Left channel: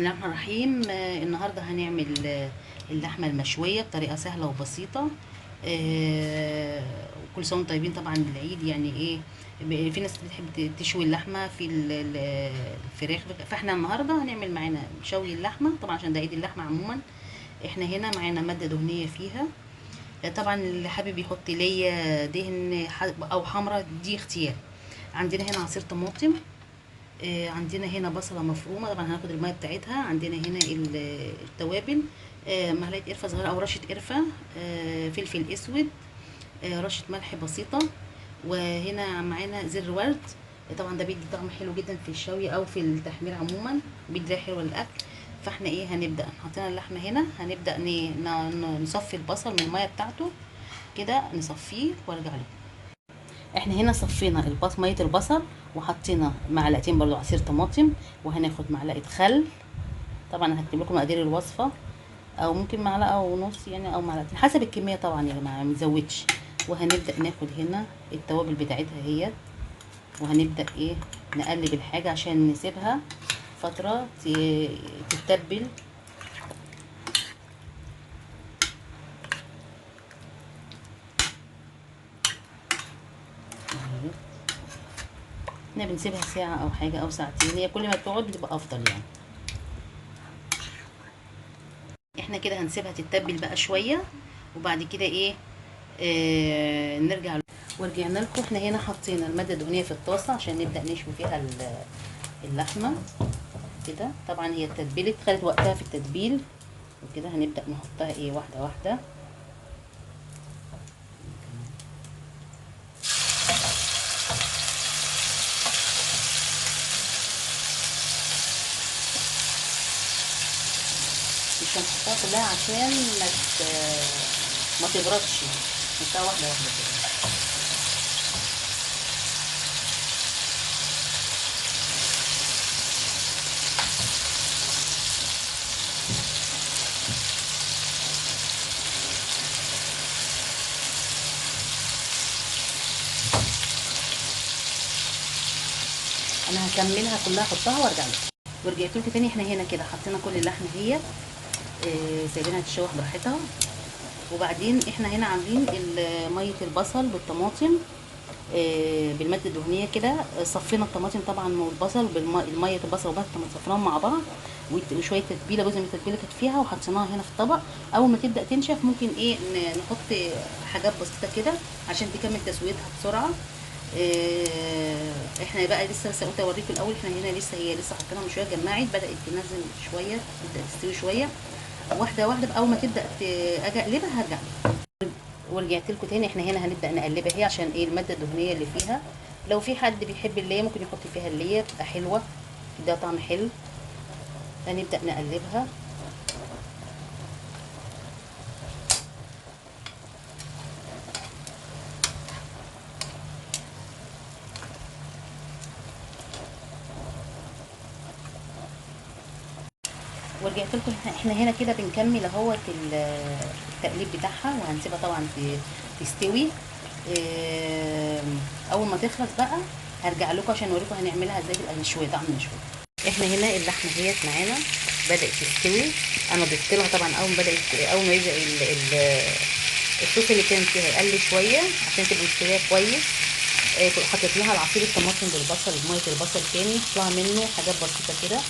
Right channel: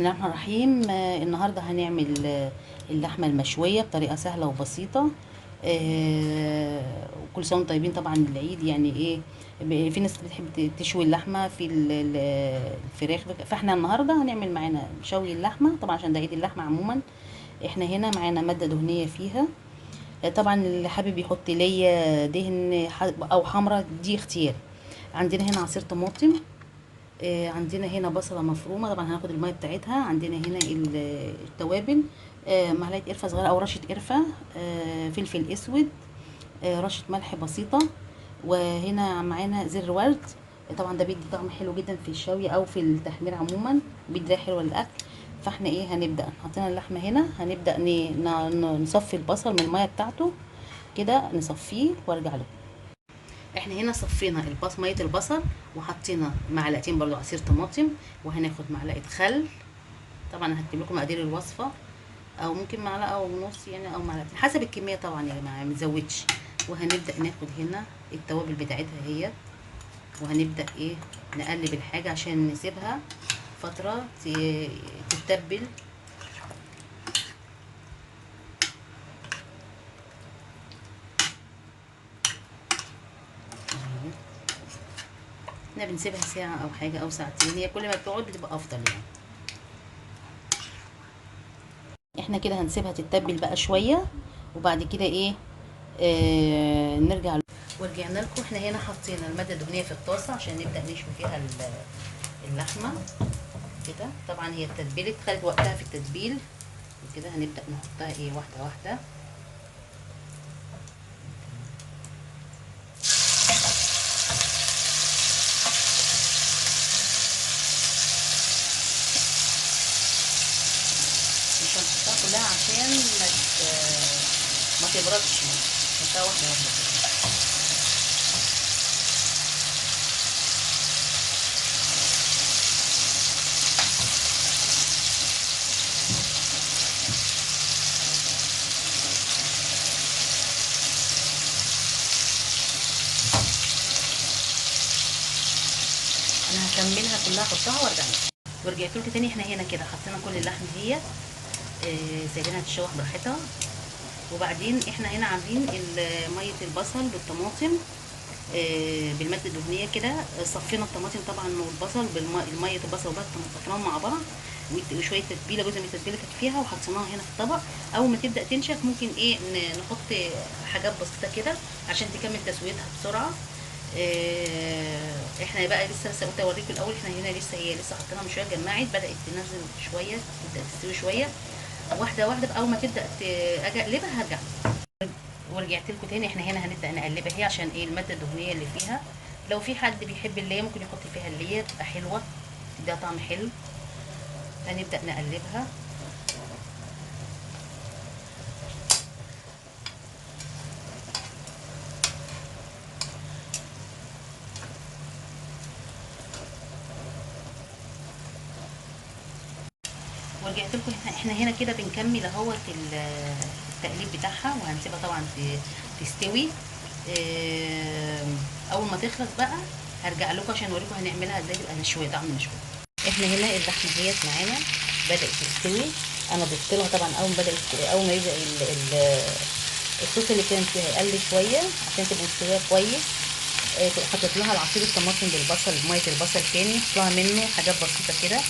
بسم الله الرحمن الرحيم. النهارده هنعمل اللحمه المشويه بطريقه سهله وبسيطه. وكل سنه وانتم طيبين. طبعا العيد يعني ايه، في ناس بتحب تشوي اللحمه في الفراخ، فاحنا النهارده هنعمل معانا شوي اللحمه طبعا عشان ده عيد اللحمه عموما. احنا هنا معانا ماده دهنيه فيها. طبعا اللي حابب يحط ليا دهن او حمرا دي اختياري. عندنا هنا عصير طماطم، عندنا هنا بصله مفرومه، طبعا هناخد الميه بتاعتها. عندنا هنا التوابل، معلقه قرفه صغيره او رشه قرفه، فلفل اسود، رشه ملح بسيطه. وهنا معانا زر ورد، طبعا ده بيدي طعم حلو جدا في الشوي او في التحمير عموما، بيدي ريحه حلوه للاكل. فاحنا ايه هنبدا حطينا اللحمه هنا، هنبدا نصفي البصل من الميه بتاعته كده، نصفيه وارجع له. احنا هنا صفينا ميه البصل، وحطينا معلقتين برضو عصير طماطم، وهناخد معلقه خل. طبعا هكتب لكم مقادير الوصفه، او ممكن معلقه ونص يعني، او معلقتين حسب الكميه طبعا يا جماعه، ما نزودش. وهنبدا ناخد هنا التوابل بتاعتها هي، وهنبدا ايه نقلب الحاجه عشان نسيبها فتره تتبل. احنا بنسيبها ساعه او حاجه او ساعتين، هي كل ما بتقعد بتبقى افضل يعني. احنا كده هنسيبها تتبل بقى شويه، وبعد كده ايه نرجع ورجعنا لكم. احنا هنا حطينا الماده الدهنيه في الطاسه عشان نبدا نشوي فيها اللحمه كده. طبعا هي اتبلت، خدت وقتها في التتبيل، وكده هنبدا نحطها ايه واحده واحده. مش هنحطها كلها عشان ما تبردش، نحطها واحده واحده كده. انا هكملها كلها، احطها وارجع لكم. ورجعت لكم تاني. احنا هنا كده حطينا كل اللحمه هي، سايبينها تتشوح براحتها. وبعدين احنا هنا عاملين ميه البصل بالطماطم بالماده الدهنيه كده. صفينا الطماطم طبعا والبصل بالميه البصل والطماطم، صفيناهم مع بعض، وشويه تتبيله، جزء من التتبيله كانت فيها، وحطيناها هنا في الطبق. اول ما تبدا تنشف ممكن ايه نحط حاجات بسيطه كده عشان تكمل تسويتها بسرعه. احنا بقى لسه قلت اوريكم الاول، احنا هنا لسه حطيناها من شويه، جمعت بدات تنزل شويه، تبدا تستوي شويه واحده واحده. اول ما تبدا اجي اقلبها هرجع. ورجعت لكم تاني. احنا هنا هنبدا نقلبها هي عشان ايه الماده الدهنيه اللي فيها. لو في حد بيحب الليه ممكن يحط فيها الليه، بتبقى حلوه، تديها طعم حلو. هنبدا نقلبها. ورجعت لكم. احنا هنا كده بنكمل اهوت التقليب بتاعها، وهنسيبها طبعا تستوي. اول ما تخلص بقى هرجع لكم عشان اوريكم هنعملها ازاي تبقى مشويه، طعم مشوي. احنا هنا اللحمه ديت معانا بدات تستوي. انا ضفت لها طبعا اول ما يبدا الصوص اللي كان فيها يقل شويه عشان تبقى مستويه كويس. حطيت لها العصير الطماطم بالبصل بميه البصل تاني، حط لها منه حاجات بسيطه كده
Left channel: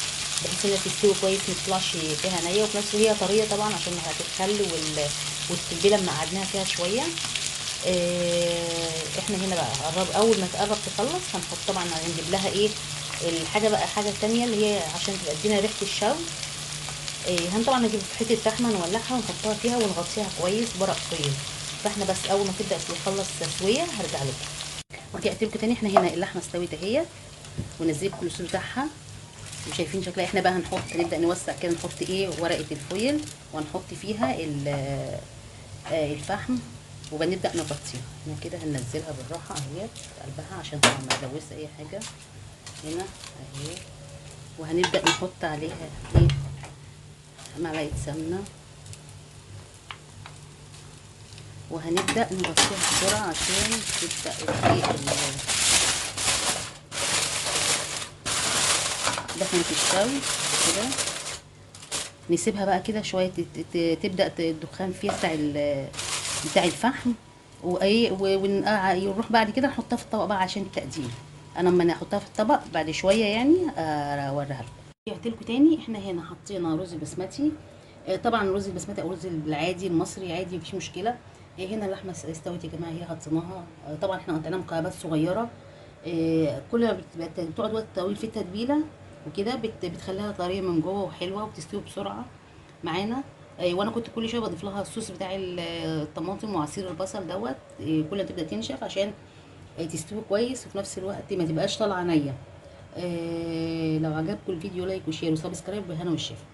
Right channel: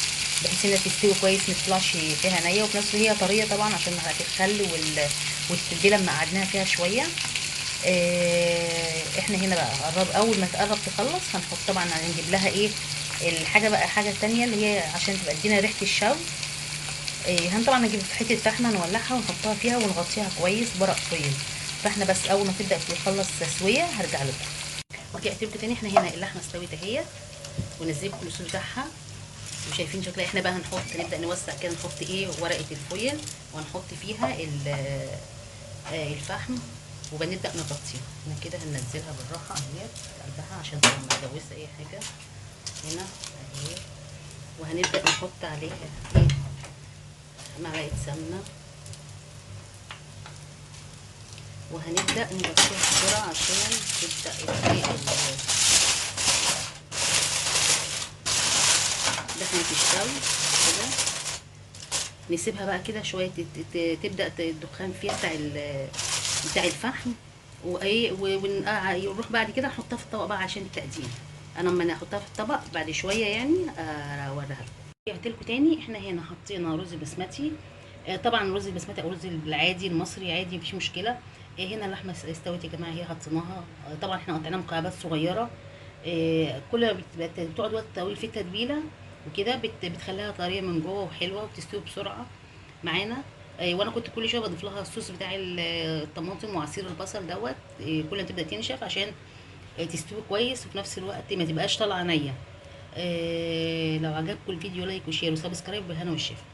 بحيث انها تستوي كويس، ما تطلعش فيها نيه، وفي نفس الوقت هي طريه طبعا عشان معلقه الخل والتتبيله لما قعدناها فيها شويه. احنا هنا بقى اول ما تقرب تخلص هنحط طبعا، هنجيب لها ايه الحاجه بقى، حاجه تانية اللي هي عشان تبقى تدينا ريحه الشوي. طبعا نجيب حته فحمه نولعها ونحطها فيها ونغطيها كويس بورق فويل. فاحنا بس اول ما تبدا تخلص تسويه هرجع لكم. رجعت لكم تاني. احنا هنا اللحمه استوت اهيت، ونزلت الصوص بتاعها وشايفين شكلها. احنا بقى نبدا نوسع كده، نحط ايه ورقه الفويل، ونحط فيها الفحم، وبنبدا نغطيها. احنا كده هننزلها بالراحه اهيت قلبها عشان طبعا ما نلوث اي حاجه هنا اهي. وهنبدا نحط عليها ايه معلقه سمنه، وهنبدا نغطيها بسرعه عشان تبدا دخلت الشوي كده. نسيبها بقى كده شويه تبدا الدخان فيها بتاع الفحم، وايه ونروح بعد كده نحطها في الطبق بقى عشان التقديم. انا لما احطها في الطبق بعد شويه يعني اوريها لكم. رجعت لكم تاني. احنا هنا حطينا رز بسمتي. طبعا الرز البسمتي او الرز العادي المصري عادي مفيش مشكله. هنا اللحمه استوت يا جماعه، هي حطيناها. طبعا احنا قطعناها مكعبات صغيره. كل ما بتقعد وقت طويل في التتبيله وكده بتخليها طريه من جوه وحلوه وبتستوي بسرعه معانا. وانا كنت كل شويه بضيف لها الصوص بتاع الطماطم وعصير البصل دوت. كل ما تبدا تنشف عشان تستوي كويس وفي نفس الوقت ما تبقاش طالعه نيه. لو عجبكم الفيديو لايك وشير وسبسكرايب بالهنا والشفا.